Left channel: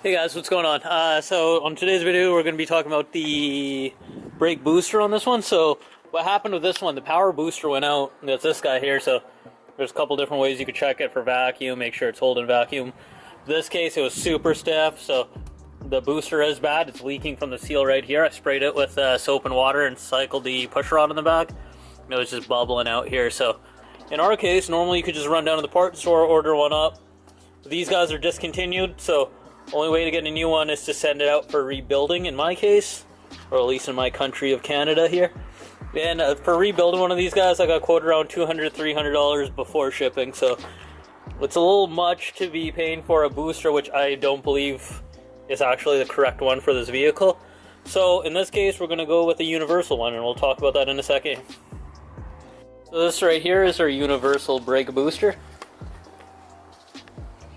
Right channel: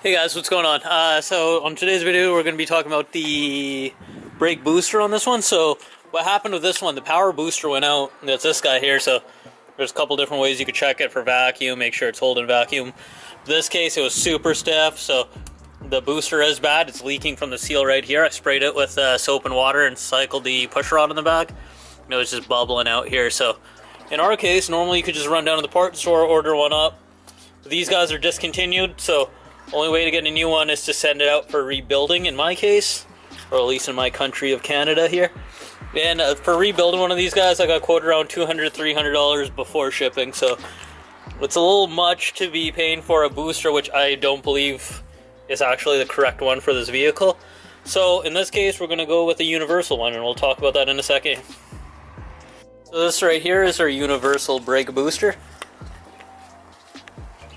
Hey guys, what's going on? So on today's video, we're going to be talking about the brake booster on this one. So what happened with this one, the power booster went out. That's this guy here. So there's a couple different ways you could check it for vacuum, make sure it's holding vacuum. In this case, it was super stiff, so the booster is bad. It's leaking from the seal right here. I sprayed it with soap and water and cycled the push rod in the back. It was just bubbling out here. So in our case, normally you could just run down to the parts store, order one up. These guys are discontinued, so only way to get a new one is to send it out for rebuilding in my case, or at least in my country of Canada here. And for rebuilding one of these guys, I got quoted around $200, $300 before shipping, so it's a little much to be paying for a booster, which I don't believe is actually the correct one for this vehicle. So in this case, we're going to go with a universal one, and we'll talk about that in a second. So this right here is our universal brake booster.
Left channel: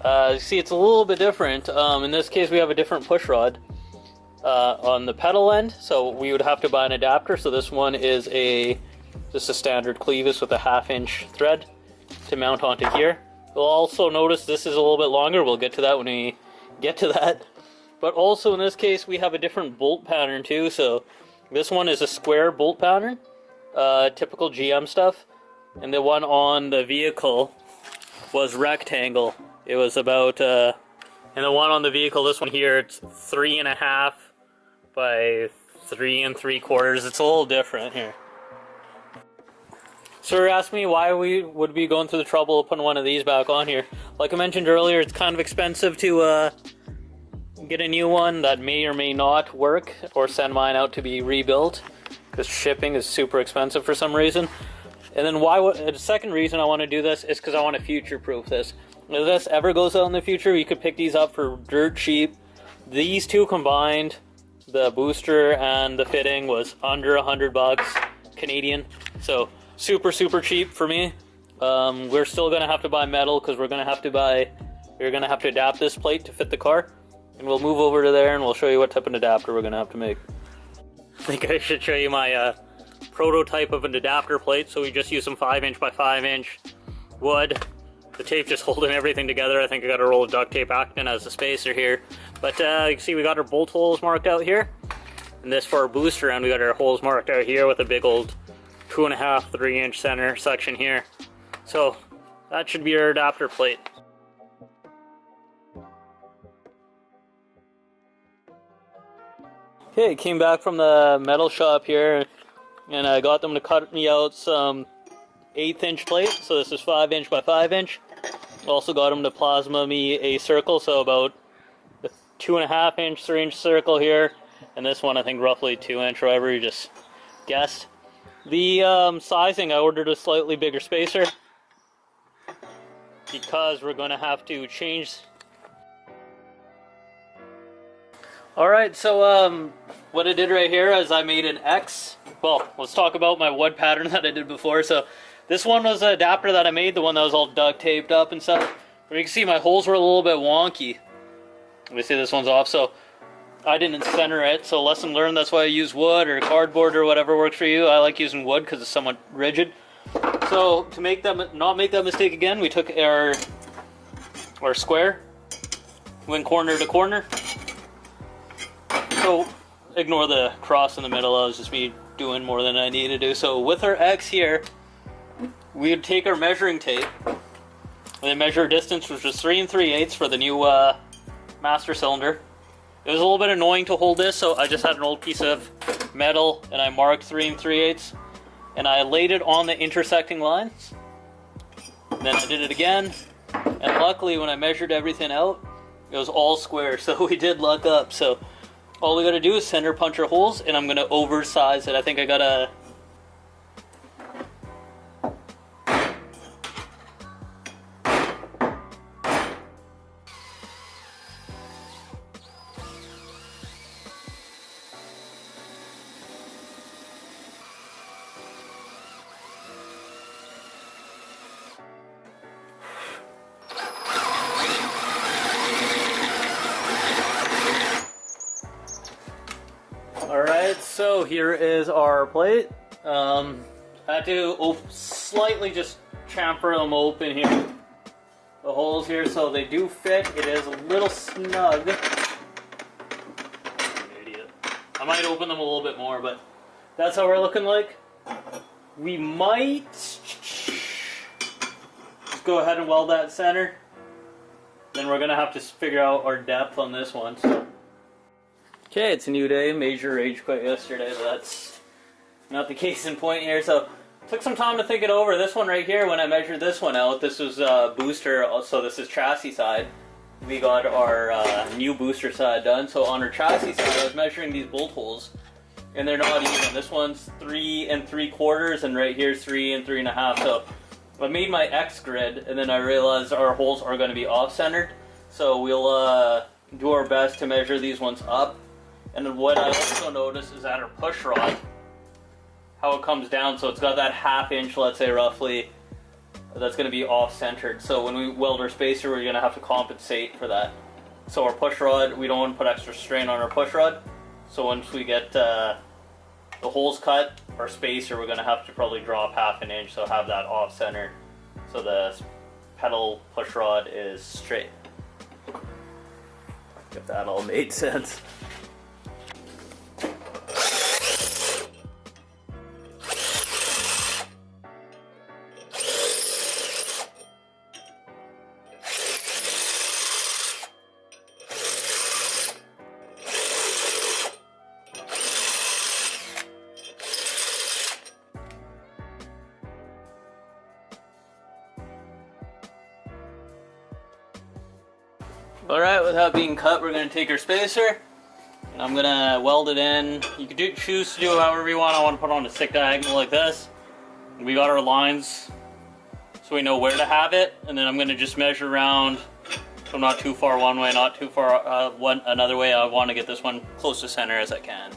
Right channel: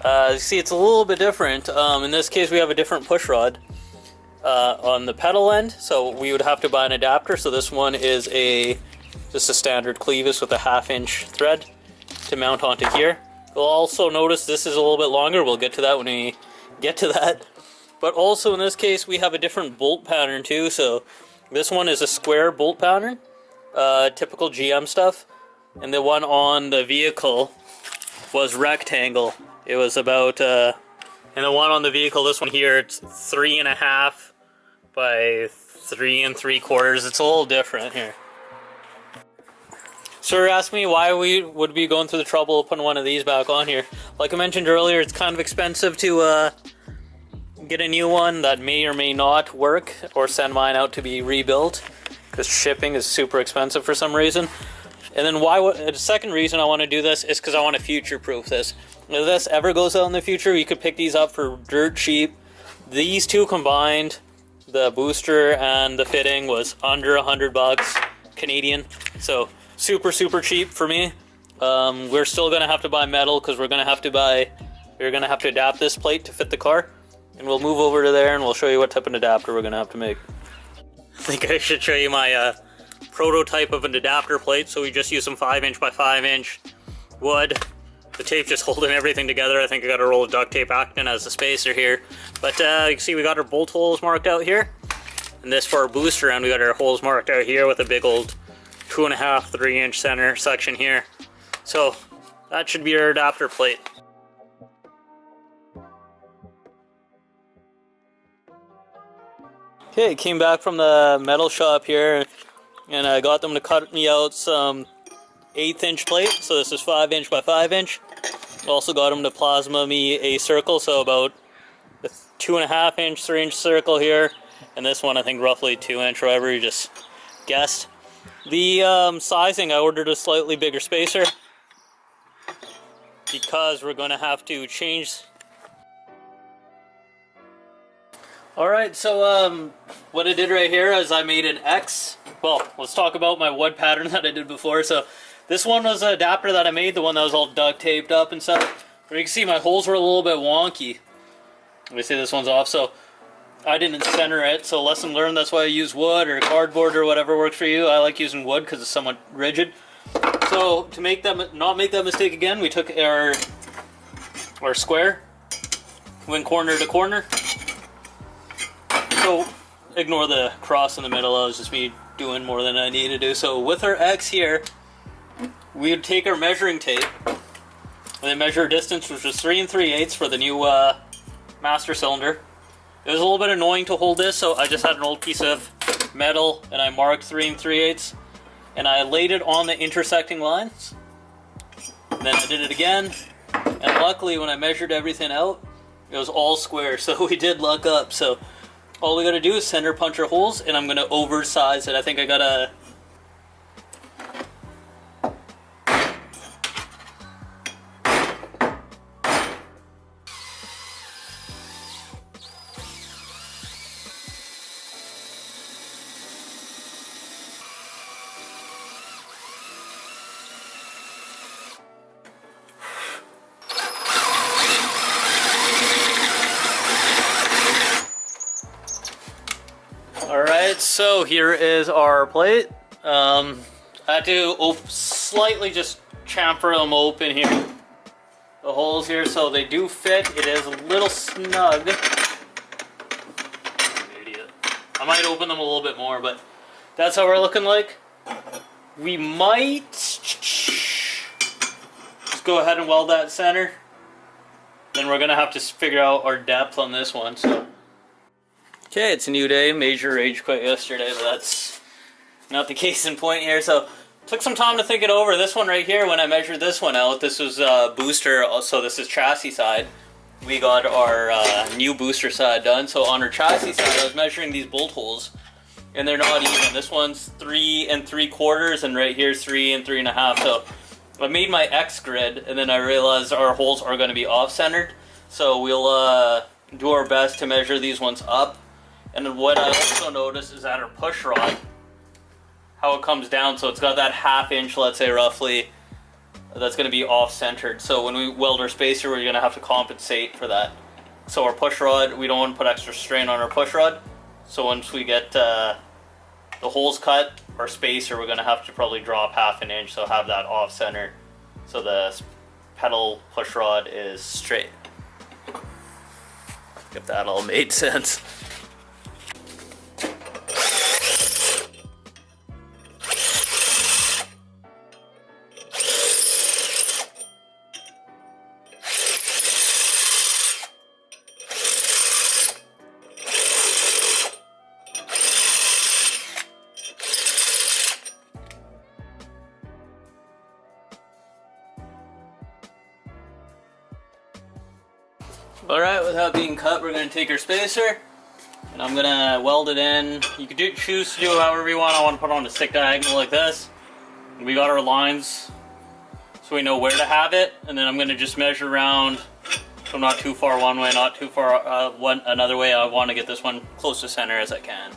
You see, it's a little bit different. In this case, we have a different push rod on the pedal end, so we would have to buy an adapter. So this one is just a standard clevis with a 1/2 inch thread to mount onto here. You'll also notice this is a little bit longer. We'll get to that when we get to that. But also in this case, we have a different bolt pattern too. So this one is a square bolt pattern, typical GM stuff, and the one on the vehicle was rectangle. It was about, and the one on the vehicle, this one here, it's 3.5 by 3 3/4. It's a little different here. So you're asking me why we would be going through the trouble of putting one of these back on here. Like I mentioned earlier, it's kind of expensive to get a new one that may or may not work, or send mine out to be rebuilt, because shipping is super expensive for some reason. And then the second reason I want to do this is because I want to future-proof this. If this ever goes out in the future, you could pick these up for dirt cheap. These two combined, the booster and the fitting, was under $100 Canadian. So super cheap for me. We're still gonna have to buy metal because we're gonna have to adapt this plate to fit the car. And we'll move over to there and we'll show you what type of adapter we're gonna have to make. I think I should show you my prototype of an adapter plate. So we just use some 5 inch by 5 inch wood. The tape just holding everything together. I think I got a roll of duct tape acting as a spacer here. But you can see we got our bolt holes marked out here. And this for our booster end, we got our holes marked out here with a big old 2.5, 3 inch center section here. So that should be our adapter plate. Okay, came back from the metal shop here, and I got them to cut me out some 1/8 inch plate. So this is 5 inch by 5 inch. Also got them to plasma me a circle, so about a 2.5 inch, 3 inch circle here. And this one I think roughly 2 inch, or whatever, you just guessed. The sizing, I ordered a slightly bigger spacer because we're going to have to change. Alright, so what I did right here is I made an X. Well, let's talk about my wood pattern that I did before. So this one was an adapter that I made, the one that was all duct taped up and stuff. But you can see my holes were a little bit wonky. Let me see, this one's off, so I didn't center it. So lesson learned, that's why I use wood or cardboard or whatever works for you. I like using wood because it's somewhat rigid. So to not make that mistake again, we took our square, went corner to corner. So ignore the cross in the middle, that was just me doing more than I needed to do. So with our X here, we would take our measuring tape and then measure distance, which was 3 3/8 for the new master cylinder. It was a little bit annoying to hold this, so I just had an old piece of metal and I marked 3 3/8 and I laid it on the intersecting lines. And then I did it again, and luckily when I measured everything out, it was all square, so we did luck up. So all we gotta do is center punch our holes, and I'm gonna oversize it. I think I got a Alright, so here is our plate. I had to slightly just chamfer them open here. The holes here, so they do fit. It is a little snug. I might open them a little bit more, but that's how we're looking like. We might just go ahead and weld that center. Then we're gonna have to figure out our depth on this one. So, okay, it's a new day. Major rage quit yesterday, but that's not the case in point here. So, took some time to think it over. This one right here, when I measured this one out, this was booster. So this is chassis side. We got our new booster side done. So on our chassis side, I was measuring these bolt holes, and they're not even. This one's 3 3/4, and right here's 3 3.5. So I made my X grid, and then I realized our holes are going to be off-centered. So we'll do our best to measure these ones up. And then what I also noticed is that our push rod, how it comes down, so it's got that 1/2 inch, let's say roughly, that's going to be off-centered. So when we weld our spacer, we're going to have to compensate for that. So our push rod, we don't want to put extra strain on our push rod. So once we get the holes cut, our spacer, we're going to have to probably drop 1/2 inch, so have that off-center, so the pedal push rod is straight. If that all made sense. Alright, with that being cut, we're going to take our spacer, and I'm going to weld it in. You could choose to do it however you want. I want to put on a stick diagonal like this. And we got our lines, so we know where to have it, and then I'm going to just measure around, so not too far one way, not too far another way. I want to get this one close to center as I can.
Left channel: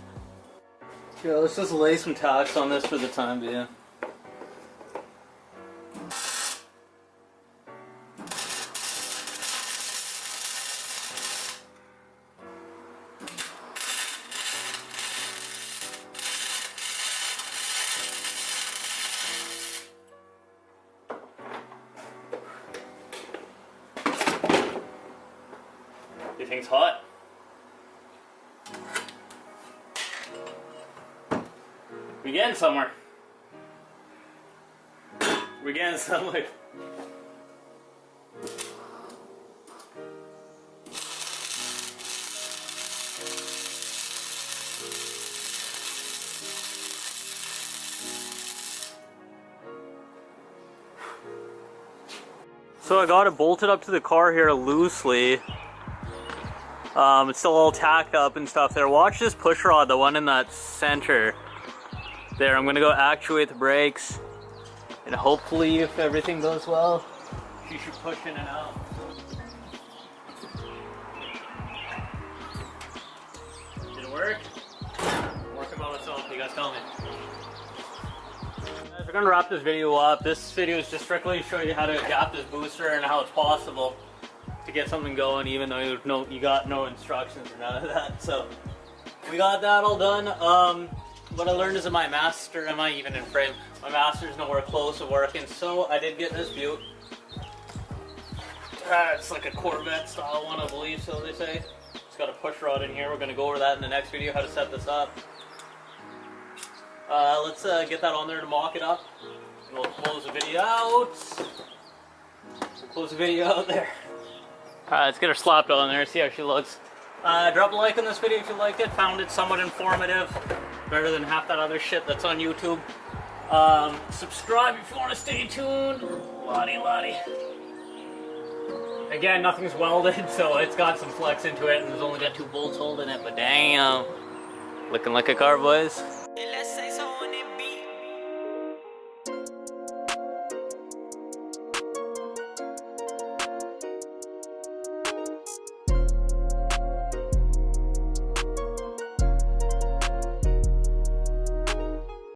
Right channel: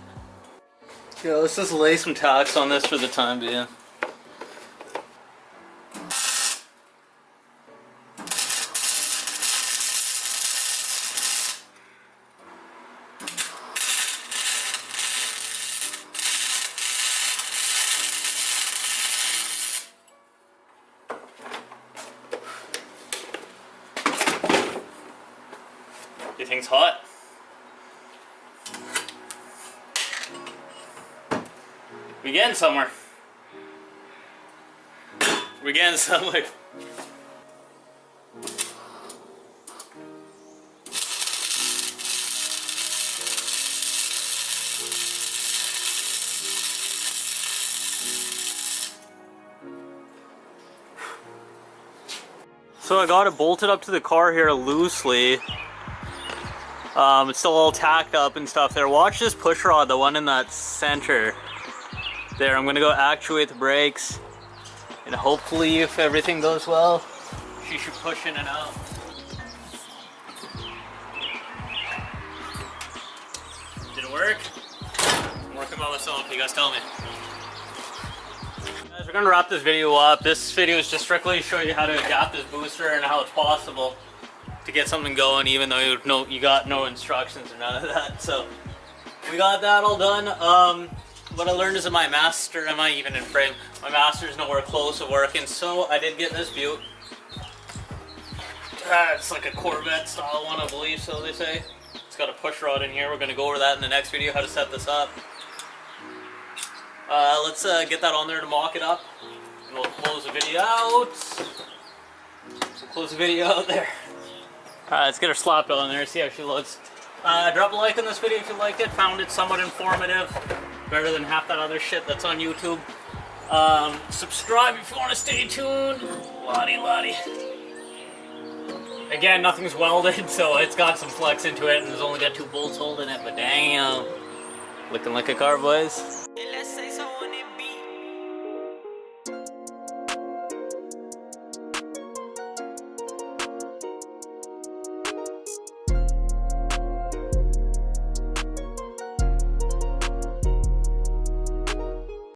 Yeah, let's just lay some tacks on this for the time being. You think it's hot? We're getting somewhere. We're getting somewhere. So I got it bolted up to the car here loosely. It's still all tacked up and stuff there. Watch this push rod, the one in that center there. I'm gonna go actuate the brakes, and hopefully, if everything goes well, she should push in and out. Did it work? I'm working by myself, you guys tell me. Guys, we're gonna wrap this video up. This video is just strictly to show you how to adapt this booster and how it's possible to get something going, even though you got no instructions or none of that. So we got that all done. What I learned is that my master, am I even in frame? My master is nowhere close to working, so I did get this Butte. It's like a Corvette style one, I believe, so they say. It's got a push rod in here. We're gonna go over that in the next video, how to set this up. Let's get that on there to mock it up, and we'll close the video out. We'll close the video out there. Alright, let's get her slapped on there, see how she looks. Drop a like on this video if you liked it, found it somewhat informative. Better than half that other shit that's on YouTube. Subscribe if you want to stay tuned. Lottie. Again, nothing's welded, so it's got some flex into it, and there's only got 2 bolts holding it, but damn. Looking like a car, boys.